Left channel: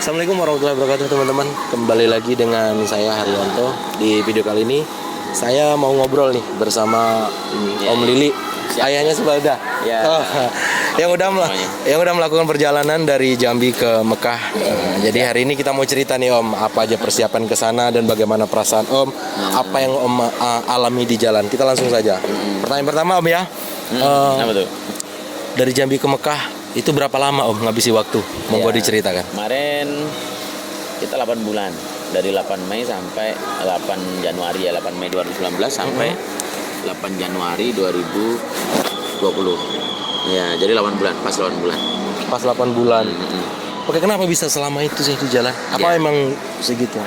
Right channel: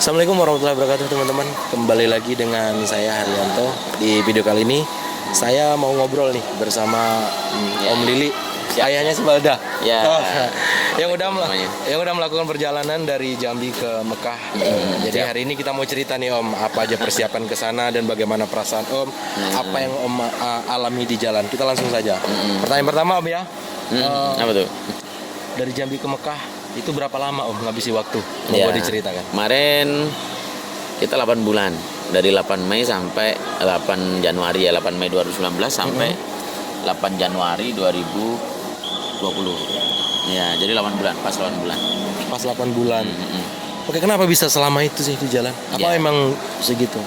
Assalamualaikum warahmatullahi wabarakatuh teman-teman. Kembali lagi dengan saya Haryanto. Di video kali ini saya mau ngobrol nih bersama Om Lili, ayahnya si Balda. Yang udah melakukan perjalanan dari Jambi ke Mekah. Jadi hari ini kita mau cerita nih Om, apa aja persiapan ke sana dan bagaimana perasaan Om, apa yang Om alami di jalan. Kita langsung saja. Pertanyaan pertama Om ya. Apa tuh? Dari Jambi ke Mekah itu berapa lama Om ngabisi waktu? Mau diceritakan. Kemarin kita 8 bulan. Dari 8 Mei sampai 8 Januari ya, 8 Mei 2019 sampai 8 Januari 2020. Ya, jadi 8 bulan, pas 8 bulan. Pas 8 bulan. Oke, kenapa bisa selama itu sih di jalan? Apa emang segitu?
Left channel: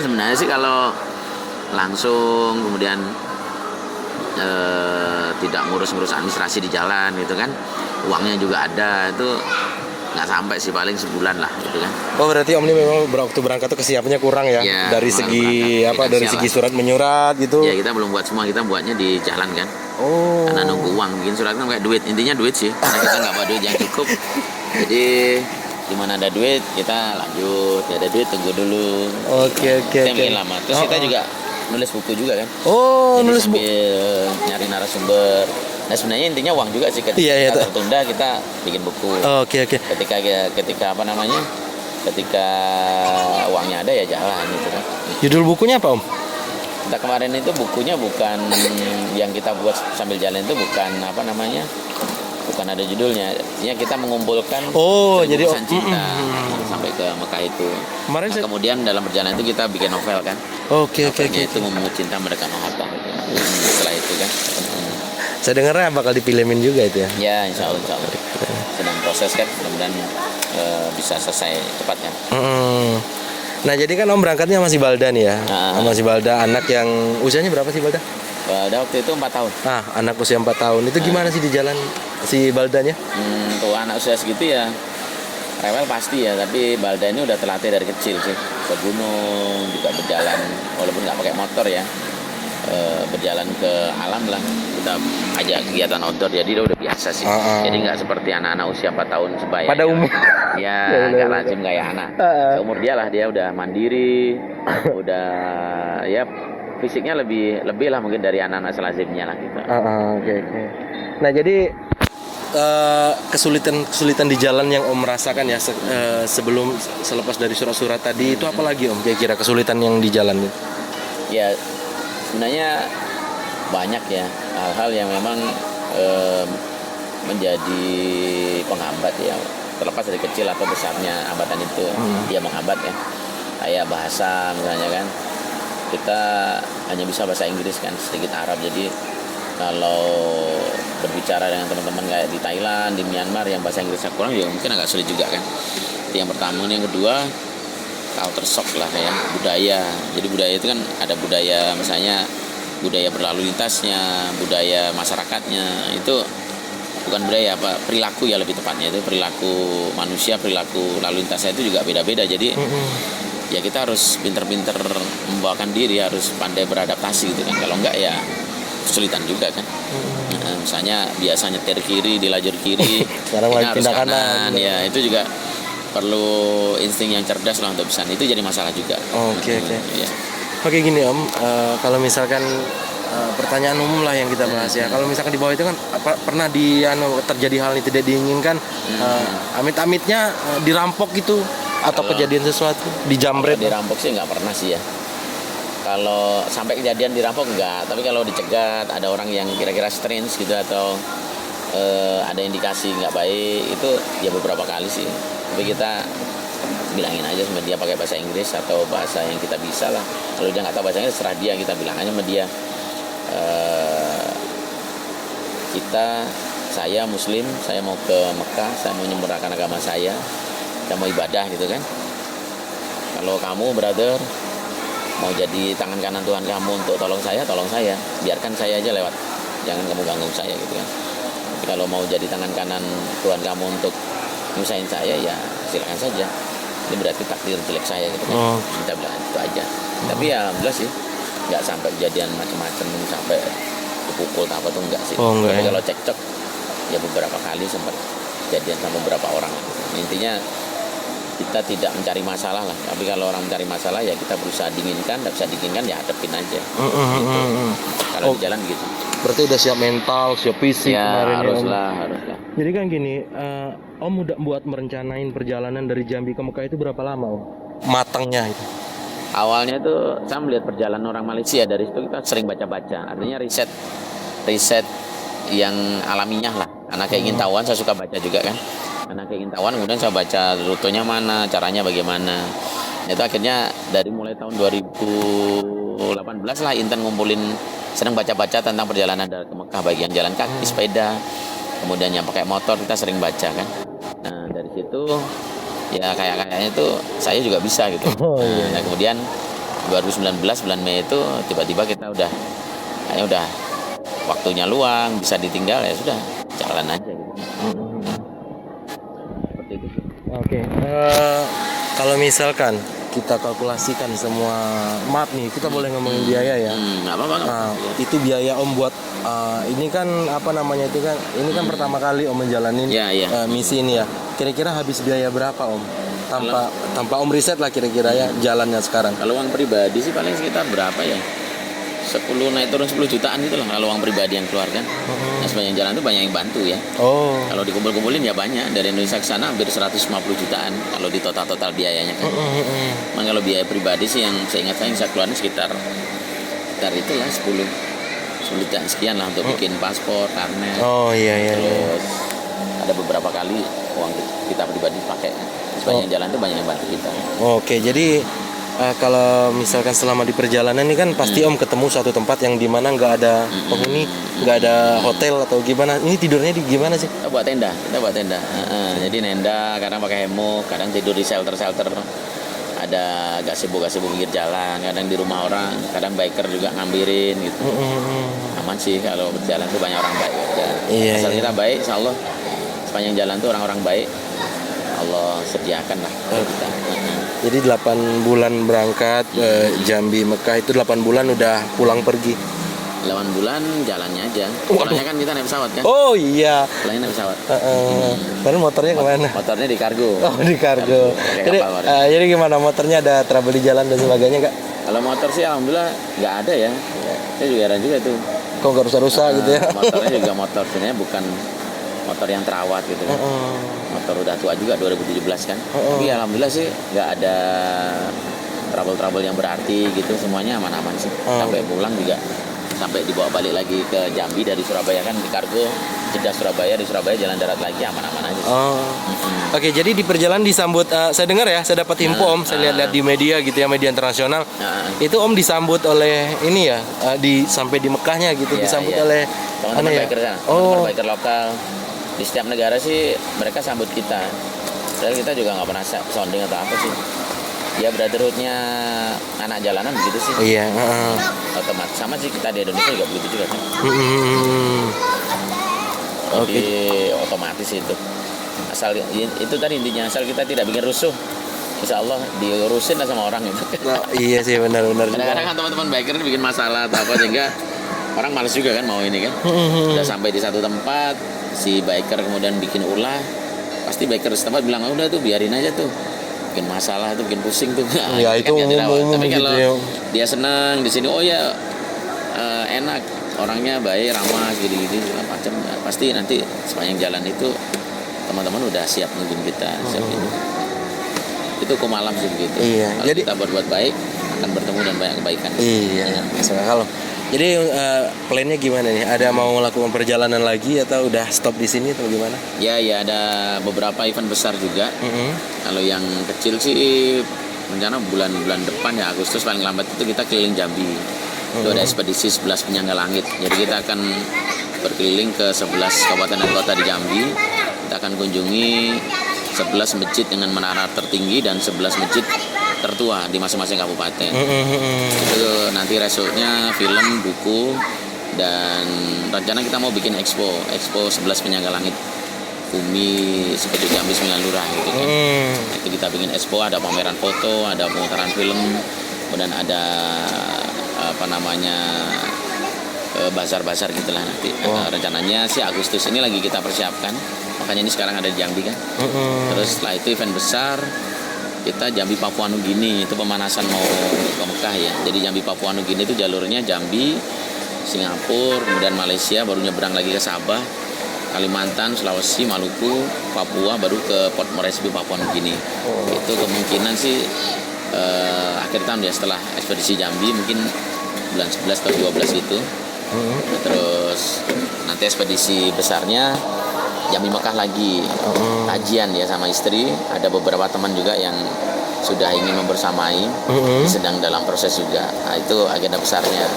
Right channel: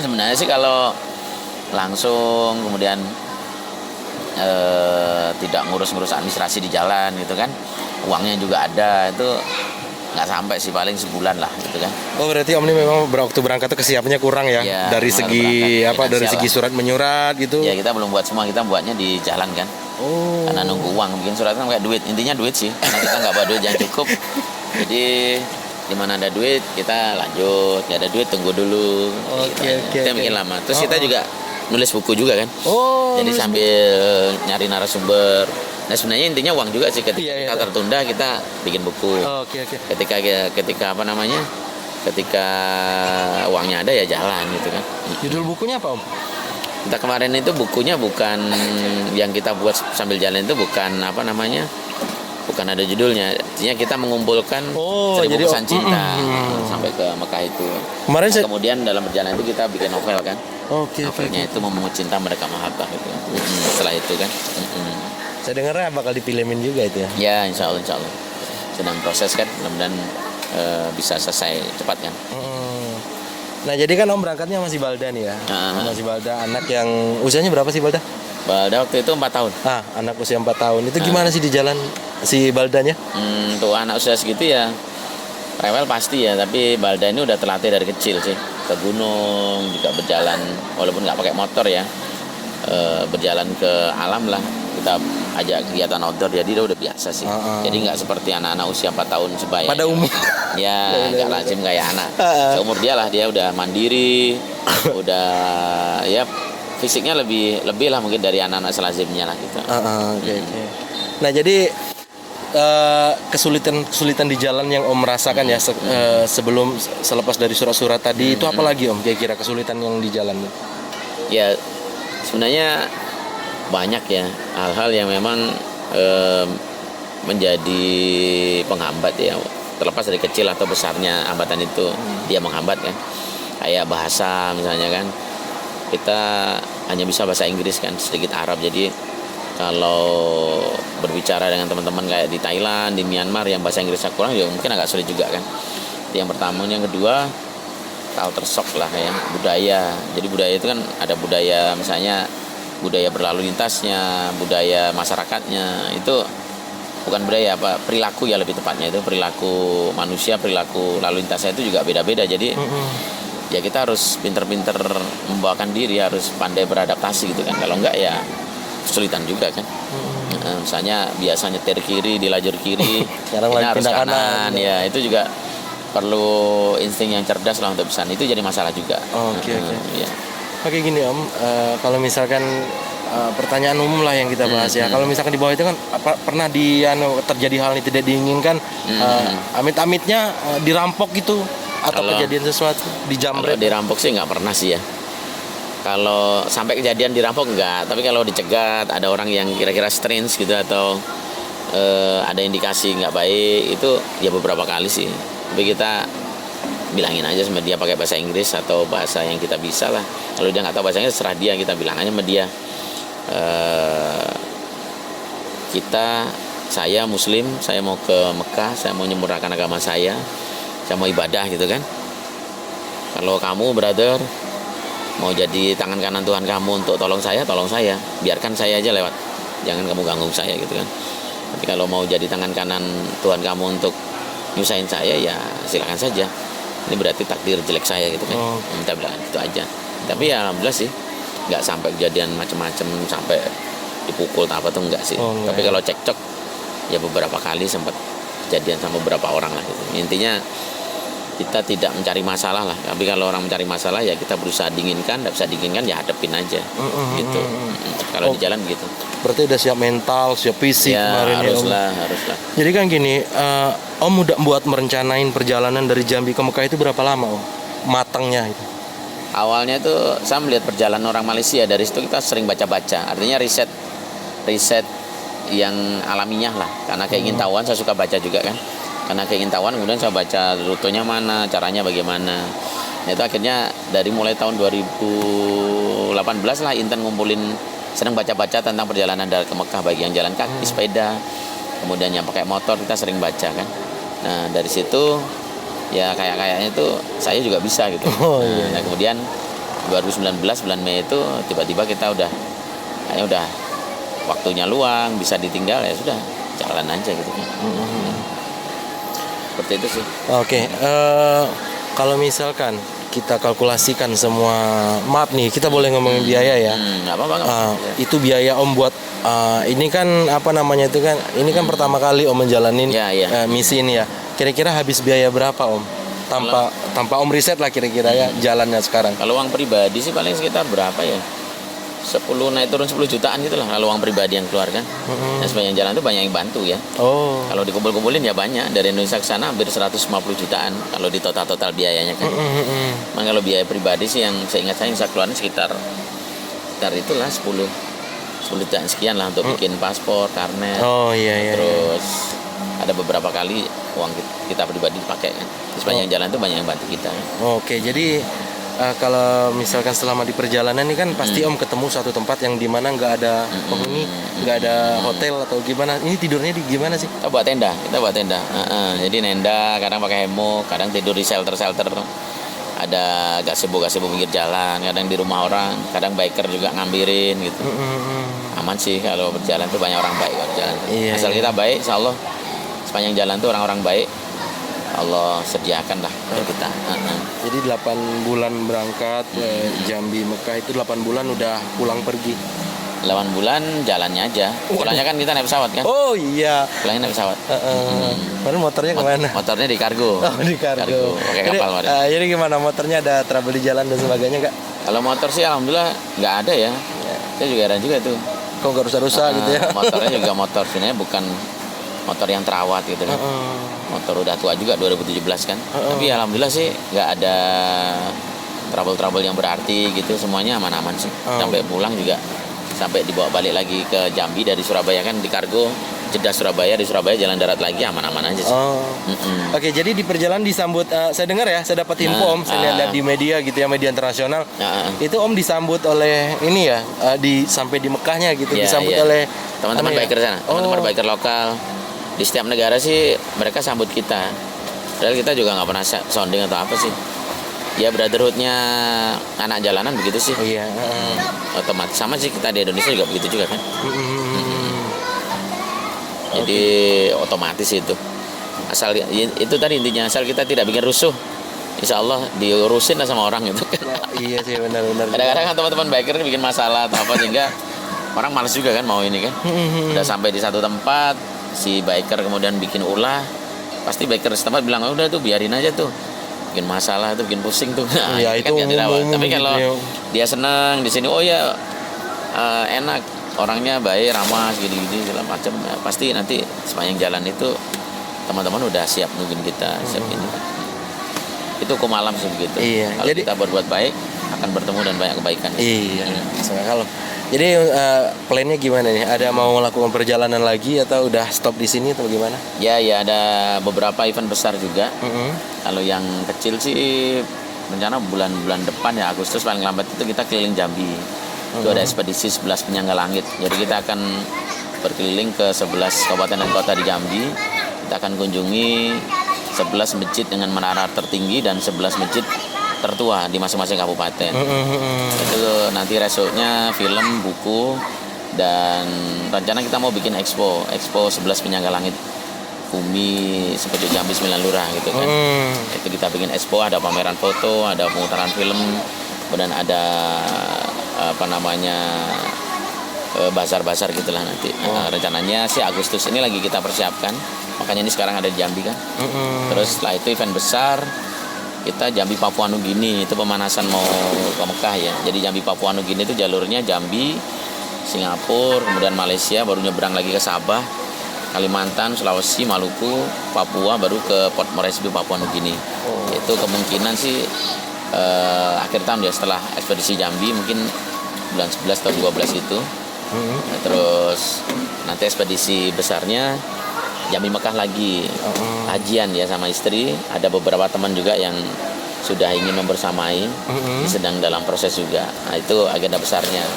Sebenarnya sih kalau langsung kemudian tidak ngurus-ngurus administrasi di jalan gitu kan, uangnya juga ada, itu nggak sampai sih, paling sebulan lah gitu kan. Oh, berarti Om ini memang waktu berangkat tuh kesiapannya kurang ya, dari segi berangkat, dari segi surat menyurat gitu. Ya, kita belum buat semua, kita buatnya di jalan kan. Oh, karena nunggu uang, bikin surat kan kayak duit, intinya duit sih, karena kita nggak bawa duit yang cukup. Jadi dimana ada duit kita lanjut, nggak ada duit tunggu dulu. Oke. Kita bikin lama. Terus kita juga nulis buku juga kan. Oh, jadi sambil nyari narasumber. Nah, sebenarnya intinya uang juga sih, ketika kita tertunda kita bikin buku. Oke. Ketika apa namanya? Ketika uangnya ada ya jalan gitu kan. Judul bukunya apa Om? Kita kemarin itu bukunya bukan yang kita buat sambil jalan, itu bukan apa namanya? Bukan ada judulnya. Artinya kita mengumpulkan jadi pesan cinta sampai ke Mekah itu. Kemarin kemudian dalam perjalanan itu kita bikin novel kan. Oke. Itu Membangun Cinta Mereka Mengapa. Setelah itu kan. Saya dengarnya bakal difilmin juga itu ya. Ya, insya Allah. Sedang proses kan, mudah-mudahan bisa selesai cepat kan. Nah, jadi kan Om berangkatnya masih Balda nih ya. Masih Balda, anak yang usianya berapa sih Balda? Balda waktu itu 4 tahun. Anak usia 4 tahun. Itu gimana sih di jalan si Baldanya? Untuk anak usia segitu ya rewel pasti ya, tapi Balda ini udah terlatih dari kecil sih. Ke gunung juga berjalan, walaupun nggak pakai motor ya. Berjalan ke alam lah, kita ajak kegiatan outdoor, jadi dia udah biasa sih. Jadi nggak seperti anak-anak usia 4 tahun sebaya pada umum ya, nggak lazim kayak anak seumur dia lah. Dia udah mandiri, udah ya fisiknya lebih lah mungkin dari anak-anak selazimnya lah gitu. Oke. Nah, jadi kesulitan di jalan yang Om rasakan ya sebelum selepas dari surat-surat tadi itu apa lagi Om? Kira-kira kesulitan yang di jalan? Ya, sebenarnya banyak ya hal-hal yang memang menjadi penghambat ya, terlepas dari kecil atau besarnya hambatan itu. Dia menghambat ya, kayak bahasa misalnya kan, kita hanya bisa bahasa Inggris kan, sedikit Arab. Jadi kalau berbicara dengan teman-teman kayak di Thailand, di Myanmar yang bahasa Inggrisnya kurang, ya mungkin agak sulit juga kan. Itu yang pertama. Yang kedua, culture shock lah ya, budaya. Jadi budaya itu kan ada budaya, misalnya budaya berlalu lintasnya, budaya masyarakatnya, itu bukan budaya apa, perilaku ya lebih tepatnya, itu perilaku manusia, perilaku lalu lintasnya itu juga beda-beda. Jadi ya kita harus pinter-pinter membawakan diri, harus pandai beradaptasi gitu kan. Kalau enggak ya kesulitan juga kan. Misalnya biasa nyetir kiri di lajur kiri, sekarang lagi pindah kanan. Ya itu juga perlu insting yang cerdas lah untuk bisa. Itu jadi masalah juga. Oke. Oke, gini Om, kalau misalkan pertanyaan umum lah yang kita bahas ya. Kalau misalkan di bawah itu kan pernah terjadi hal yang tidak diinginkan, amit-amitnya dirampok gitu atau kejadian sesuatu dijamret? Dirampok sih nggak pernah sih ya. Kalau sampai kejadian dirampok enggak, tapi kalau dicegat, ada orang yang kira-kira strange gitu atau ada indikasi nggak baik, itu ya beberapa kali sih. Tapi kita bilangin aja sama dia pakai bahasa Inggris atau bahasa yang kita bisa lah. Kalau dia nggak tahu bahasa Inggris, serah dia, kita bilang aja sama dia, saya Muslim, saya mau ke Mekah, saya mau menyempurnakan agama saya mau ibadah gitu kan. Kalau kamu brother mau jadi tangan kanan Tuhan kamu untuk tolong saya, biarkan saya aja lewat, jangan kamu ganggu saya gitu kan. Tapi kalau mau jadi tangan kanan Tuhan kamu untuk nyusahin saya, ya silakan saja. Ini berarti takdir jelek saya gitu kan. Minta bilang itu aja. Tapi ya alhamdulillah sih nggak sampai kejadian macam-macam, sampai dipukul apa tuh enggak sih. Tapi kalau cekcok ya beberapa kali sempat kejadian sama beberapa orang lah gitu. Intinya kita tidak mencari masalah lah. Tapi kalau orang mencari masalah ya kita berusaha dinginkan, tidak bisa dinginkan ya hadapin aja. Gitu. Kalau di jalan gitu. Berarti udah siap mental, siap fisik Ya kemarin haruslah. Jadi kan gini, Om udah buat merencanain perjalanan dari Jambi ke Mekah itu berapa lama Om? Matangnya itu. Awalnya tuh saya melihat perjalanan orang Malaysia, dari situ kita sering baca-baca. Artinya riset yang alamiah lah. Karena keingintahuan saya suka baca juga kan. Karena keingintahuan kemudian saya baca rutenya mana, caranya bagaimana. Itu akhirnya dari mulai tahun 2018 lah Intan ngumpulin, sering baca-baca tentang perjalanan dari ke Mekah, baik yang jalan kaki, sepeda, kemudian yang pakai motor, kita sering baca kan. Nah dari situ ya kayaknya itu saya juga bisa gitu. Nah kemudian 2019 bulan Mei itu tiba-tiba kita kayaknya udah waktunya luang, bisa ditinggal, ya sudah jalan aja gitu. Seperti itu sih. Oke, kalau misalkan kita kalkulasikan semua, maaf nih, kita boleh ngomongin biaya ya. Nggak apa-apa. Itu biaya Om buat ini kan apa namanya itu kan, ini kan pertama kali Om menjalanin misi ini ya. Kira-kira habis biaya berapa Om? Tanpa Om riset lah kira-kira ya jalannya sekarang. Kalau uang pribadi sih paling sekitar berapa ya? 10 naik turun 10 jutaan gitu lah kalau uang pribadi yang keluar kan. Dan sepanjang jalan itu banyak yang bantu ya. Kalau dikumpul-kumpulin ya banyak, dari Indonesia ke sana hampir 150 jutaan kalau di total biayanya kan. Nah, kalau biaya pribadi sih yang seingat saya yang saya keluarin sekitar itulah 10 jutaan sekian lah untuk bikin paspor, karnet. Terus ada beberapa kali uang kita pribadi pakai kan. Sepanjang jalan itu banyak yang bantu kita. Oke, jadi kalau misalkan selama di perjalanan ini kan pasti Om ketemu suatu tempat yang dimana nggak ada penghuni, nggak ada hotel atau gimana. Ini tidurnya di gimana sih? Kita buat tenda. Jadi nenda, kadang pakai hemok, kadang tidur di shelter. Ada gazebo pinggir jalan, kadang di rumah orang, kadang biker juga ngambilin gitu. Aman sih kalau berjalan tuh, banyak orang baik berjalan. Asal kita baik, insya Allah sepanjang jalan tuh orang-orang baik Allah sediakan lah buat kita. Jadi 8 bulan berangkat Jambi Mekah itu 8 bulan udah pulang pergi. 8 bulan jalannya aja. Pulangnya kan kita naik pesawat kan? Oh iya. Pulangnya naik pesawat. Padahal motornya kemana? Motornya di kargo. Oh di kargo. Jadi gimana, motornya ada trouble di jalan dan sebagainya nggak? Kalau motor sih alhamdulillah nggak ada ya. Saya juga heran juga tuh. Kok nggak rusak-rusak gitu ya? Motornya juga motor sebenarnya bukan motor yang terawat gitu kan. Motor udah tua juga 2017 kan. Tapi alhamdulillah sih nggak ada trouble yang berarti gitu, semuanya aman-aman sih. Sampai pulang juga, sampai dibawa balik lagi ke Jambi dari Surabaya kan, di kargo Jeddah Surabaya, di Surabaya jalan darat lagi, aman-aman aja sih. Oke, jadi di perjalanan disambut, saya dengar ya, saya dapat info Om, saya lihat di media gitu ya, media internasional. Itu Om disambut oleh ini ya, sampai di Mekahnya gitu, disambut oleh teman-teman biker sana, teman-teman biker lokal. Di setiap negara sih mereka sambut kita. Padahal kita juga nggak pernah sounding atau apa sih. Ya brotherhoodnya anak jalanan begitu sih. Iya. Otomatis sama sih, kita di Indonesia juga begitu juga kan. Jadi otomatis itu. Asal itu tadi intinya, asal kita tidak bikin rusuh, insya Allah diurusin lah sama orang gitu. Iya sih, benar-benar. Kadang-kadang kan teman-teman biker bikin masalah atau apa, sehingga orang malas juga kan mau ini kan. Udah sampai di satu tempat, si biker kemudian bikin ulah, pasti biker setempat bilang, udah tuh biarin aja tuh, bikin masalah tuh, bikin pusing tuh. Ya itu umum tapi gitu kalau ya. dia senang di sini, oh ya enak, orangnya baik, ramah, gini-gini segala macam, pasti nanti sepanjang jalan itu teman-teman udah siap nungguin kita. Itu ke malam sih begitu. Iya. Kalau jadi kita berbuat baik akan bertemu dan banyak kebaikan. Iya, masuk akal. Jadi plannya gimana nih? Ada mau melakukan perjalanan lagi atau udah stop di sini atau gimana? Ya ada beberapa event besar juga. Kalau yang kecil sih rencana bulan depan ya, Agustus paling lambat itu kita keliling Jambi. Itu ada ekspedisi 11 penyangga langit. Jadi kita akan berkeliling ke 11 kabupaten dan kota di Jambi. Kita akan kunjungi 11 masjid dengan menara tertinggi dan 11 masjid tertua di masing-masing kabupaten. Itu nanti resultnya film, buku, dan rencana kita mau bikin expo 11 penyangga langit bumi seperti Jambi 9 Lurah gitu kan. Itu kita bikin expo, ada pameran foto, ada pemutaran film, dan ada bazar-bazar gitulah nanti. Rencananya sih Agustus ini lagi kita persiapkan, makanya ini sekarang ada di Jambi kan. Terus setelah itu event besar kita Jambi Papua Nugini, itu pemanasan mau ke Mekah ya. Jadi Jambi Papua Nugini itu jalurnya Jambi, Singapura, kemudian Malaysia, baru nyebrang lagi ke Sabah, Kalimantan, Sulawesi, Maluku, Papua, baru ke Port Moresby Papua Nugini. Itu kemungkinan sih akhir tahun ya, setelah ekspedisi Jambi mungkin bulan 11 atau 12 itu. Terus nanti ekspedisi besarnya Jambi Mekah lagi, hajian ya sama istri. Ada beberapa teman juga yang sudah ingin membersamai, sedang dalam proses juga. Nah, itu agenda besarnya.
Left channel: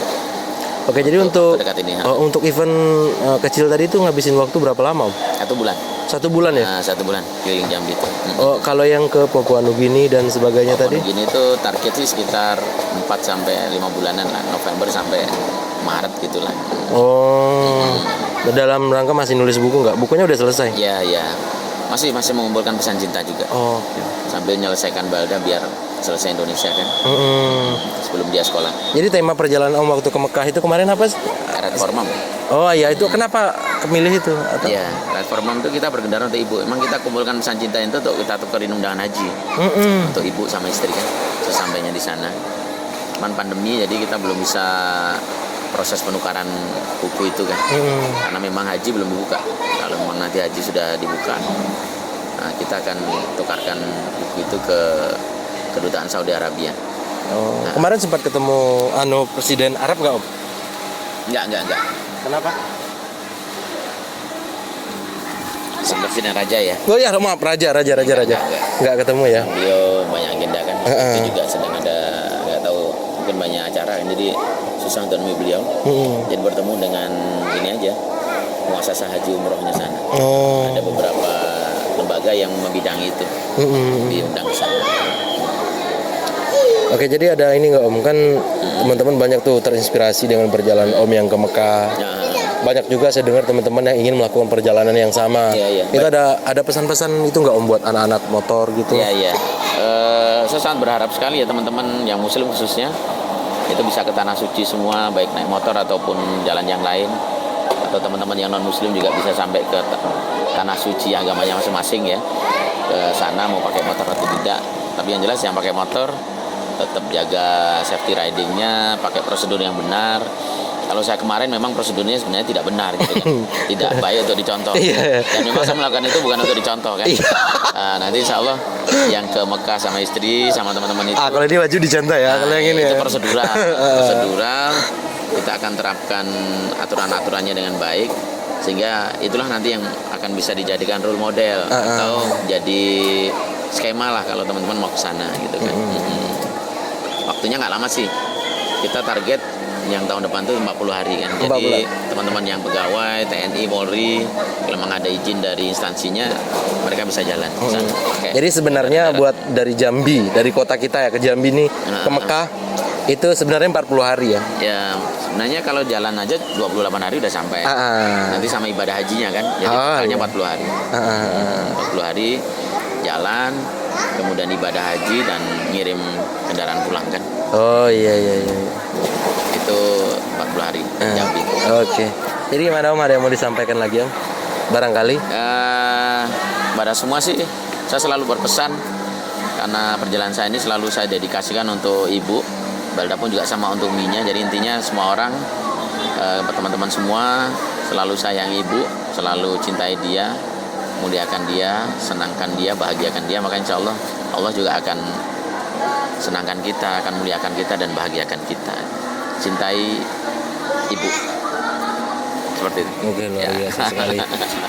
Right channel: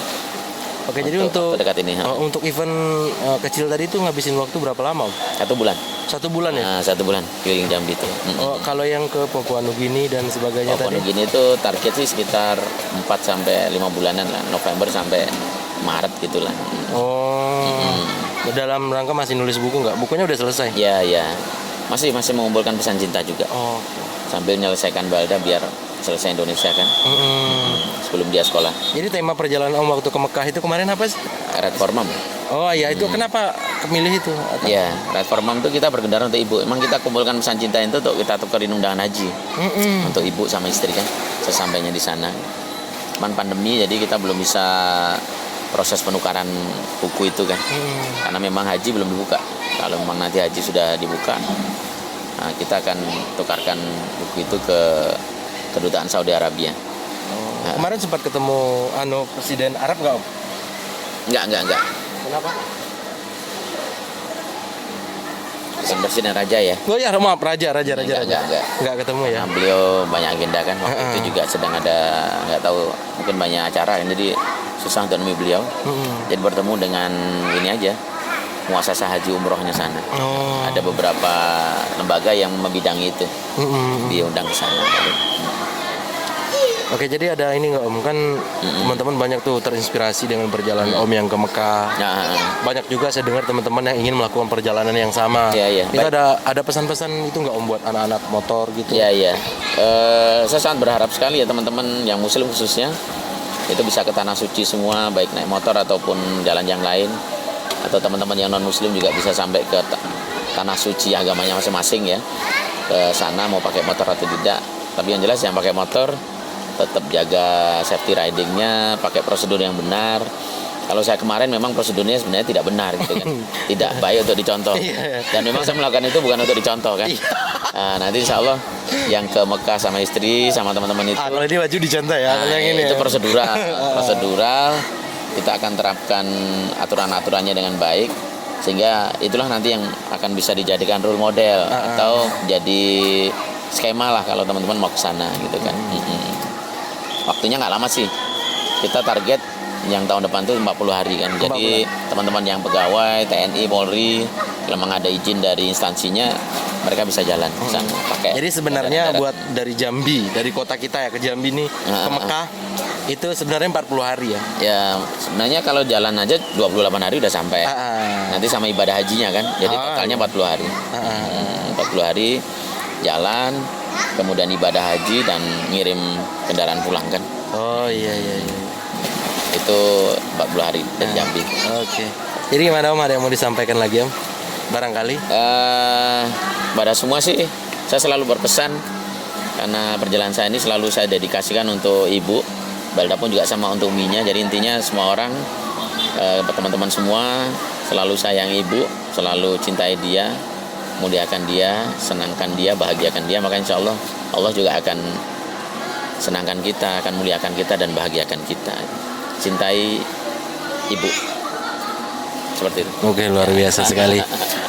Oke, jadi untuk ini, untuk event kecil tadi itu ngabisin waktu berapa lama, Om? 1 bulan. 1 bulan ya? Nah, 1 bulan keliling Jambi itu. Oh, kalau yang ke Papua Nugini dan sebagainya Papua tadi? Nugini itu target sih sekitar 4 sampai 5 bulanan lah, November sampai Maret gitulah. Dalam rangka masih nulis buku nggak? Bukunya udah selesai? Ya, ya. Masih mengumpulkan pesan cinta juga. Sambil menyelesaikan Balda biar selesai Indonesia kan. Sebelum dia sekolah. Jadi tema perjalanan Om waktu ke Mekah itu kemarin apa sih? Red Forman. Oh iya, itu kenapa kemilih itu? Atau? Iya, Red Forman itu kita berkendara untuk ibu. Emang kita kumpulkan pesan cinta itu untuk kita tukerin undangan haji. Untuk ibu sama istri kan, sesampainya di sana. Cuman pandemi jadi kita belum bisa proses penukaran buku itu kan. Karena memang haji belum dibuka. Kalau nanti haji sudah dibuka, nah, kita akan tukarkan buku itu ke kedutaan Saudi Arabia. Nah. Kemarin sempat ketemu Presiden Arab nggak, Om? Enggak. Kenapa? Presiden Raja ya. Oh ya, maaf, Raja. Enggak ketemu ya. Beliau banyak agenda kan. Itu juga sedang ada, nggak tahu, mungkin banyak acara kan. Jadi susah untuk nemui beliau. Jadi bertemu dengan ini aja, muasasah haji umrohnya sana. Ada beberapa lembaga yang membidangi itu, diundang ke sana. Oke, jadi ada ini nggak, Om? Kan teman-teman banyak tuh terinspirasi dengan perjalanan Om yang ke Mekah. Banyak juga saya dengar teman-teman yang ingin melakukan perjalanan yang sama. Itu ada pesan-pesan itu nggak, Om, buat anak-anak motor gitu? Iya. Saya sangat berharap sekali ya teman-teman yang Muslim khususnya itu bisa ke tanah suci semua, baik naik motor ataupun jalan yang lain. Atau teman-teman yang non Muslim juga bisa sampai ke tanah suci agamanya masing-masing ya. Ke sana mau pakai motor atau tidak. Tapi yang jelas yang pakai motor tetap jaga safety ridingnya, pakai prosedur yang benar. Kalau saya kemarin memang prosedurnya sebenarnya tidak benar gitu kan, tidak baik untuk dicontoh. Dan memang saya melakukan itu bukan untuk dicontoh kan. Nanti insya Allah yang ke Mekah sama istri sama teman-teman itu. Kalau ini wajib dicontoh ya, kalau yang ini itu ya. prosedural. Kita akan terapkan aturan-aturannya dengan baik, sehingga itulah nanti yang akan bisa dijadikan role model atau jadi skema lah kalau teman-teman mau ke sana gitu kan. Waktunya nggak lama sih, kita target yang tahun depan tuh 40 hari kan. Jadi teman-teman yang pegawai TNI, Polri, kalau memang ada izin dari instansinya, mereka bisa jalan. Jadi sebenarnya buat dari Jambi, dari kota kita ya ke Jambi nih ke Mekah itu sebenarnya 40 hari ya. Ya sebenarnya kalau jalan aja 28 hari udah sampai. Nanti sama ibadah hajinya kan. Jadi totalnya 40 hari. 40 hari jalan, kemudian ibadah haji dan ngirim kendaraan pulang kan. Oh iya. Itu 40 hari Jambi. Oke. Jadi gimana, Om, ada yang mau disampaikan lagi, Om? Barangkali? Pada semua sih saya selalu berpesan, karena perjalanan saya ini selalu saya dedikasikan untuk ibu. Balda pun juga sama untuk uminya. Jadi intinya semua orang, teman-teman semua selalu sayang ibu, selalu cintai dia, muliakan dia, senangkan dia, bahagiakan dia. Maka insya Allah Allah juga akan senangkan kita, akan muliakan kita dan bahagiakan kita. Cintai ibu. Seperti itu. Oke, luar biasa sekali.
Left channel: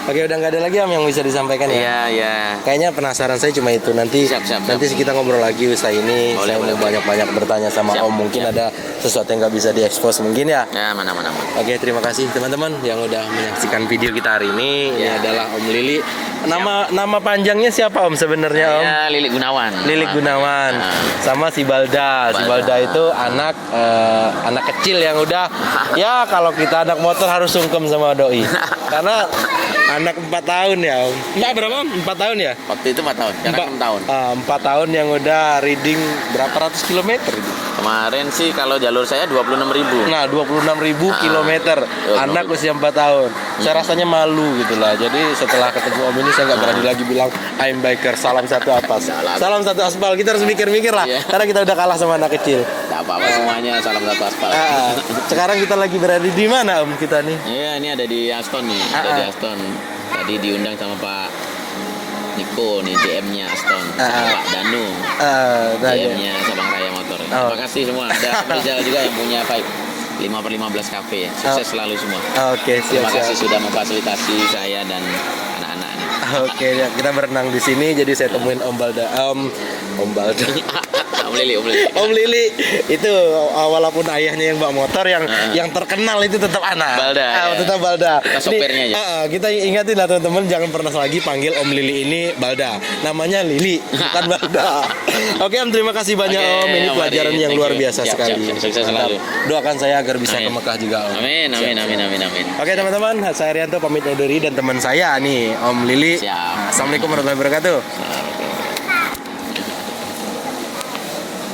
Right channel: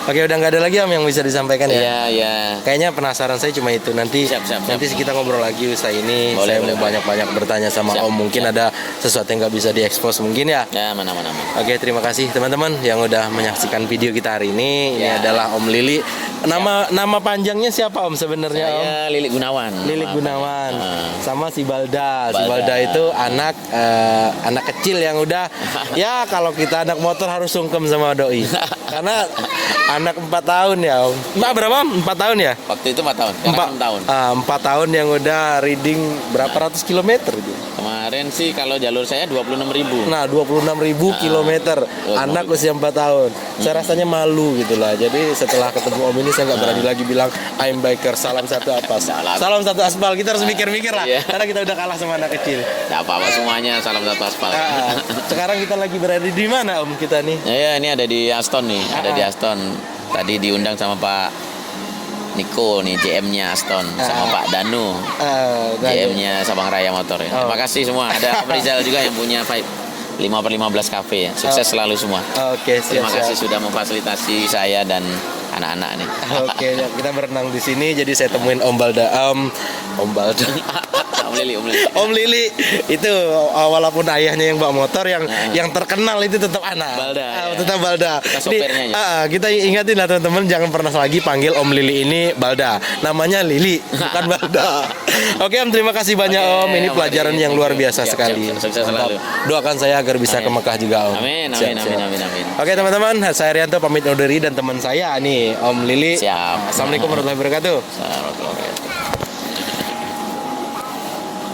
Oke, udah nggak ada lagi, Om, yang bisa disampaikan ya? Iya. Kayaknya penasaran saya cuma itu. Nanti kita ngobrol lagi usai ini. Saya mau banyak-banyak bertanya sama Om. Mungkin ada sesuatu yang nggak bisa diekspos mungkin ya. Ya, mana. Oke, terima kasih teman-teman yang udah menyaksikan video kita hari ini. Ini adalah Om Lili. Nama panjangnya siapa, Om, sebenarnya, Om? Lilik Gunawan. Lilik Gunawan. Sama si Balda. Si Balda itu anak kecil yang udah ya kalau kita anak motor harus sungkem sama doi. Karena anak 4 tahun ya, Om. Mbak berapa? 4 tahun ya? Waktu itu 4 tahun, sekarang 6 tahun. 4 tahun yang udah reading berapa ratus kilometer itu? Kemarin sih kalau jalur saya 26.000. Nah, 26.000 kilometer. Anak usia 4 tahun. Saya rasanya malu gitu lah. Jadi setelah ketemu Om ini ini saya nggak berani lagi bilang I'm biker, salam satu atas, salam satu aspal. Kita harus mikir-mikir lah, karena kita udah kalah sama anak kecil. Nggak apa-apa semuanya, salam satu aspal. Sekarang kita lagi berada di mana Om kita nih? Ya, ini ada di Aston nih, ada di Aston. Tadi diundang sama Pak Niko nih, GM-nya Aston, sama Pak Danu, GM-nya Sabang Raya Motor. Ya. Terima kasih semua. Ada Om Rizal juga yang punya 5/15 Cafe. Sukses selalu semua. Oke, siap. Terima kasih sudah memfasilitasi saya dan anak-anak nih. Oke, ya, kita berenang di sini. Jadi saya temuin Om Balda. Om Balda. Om Lili itu walaupun ayahnya yang bawa motor yang terkenal itu tetap anak. Balda. Tetap Balda. Sopirnya aja. Kita ingatin lah teman-teman, jangan pernah lagi panggil Om Lili ini Balda. Namanya Lili, bukan Balda. Oke Om, terima kasih banyak Om. Ini pelajaran yang luar biasa sekali. Sukses selalu. Doakan saya agar bisa ke Mekah juga Om. Amin. Oke teman-teman, saya Rianto pamit undur diri dan teman saya nih Om Lili. Siap. Assalamualaikum warahmatullahi wabarakatuh.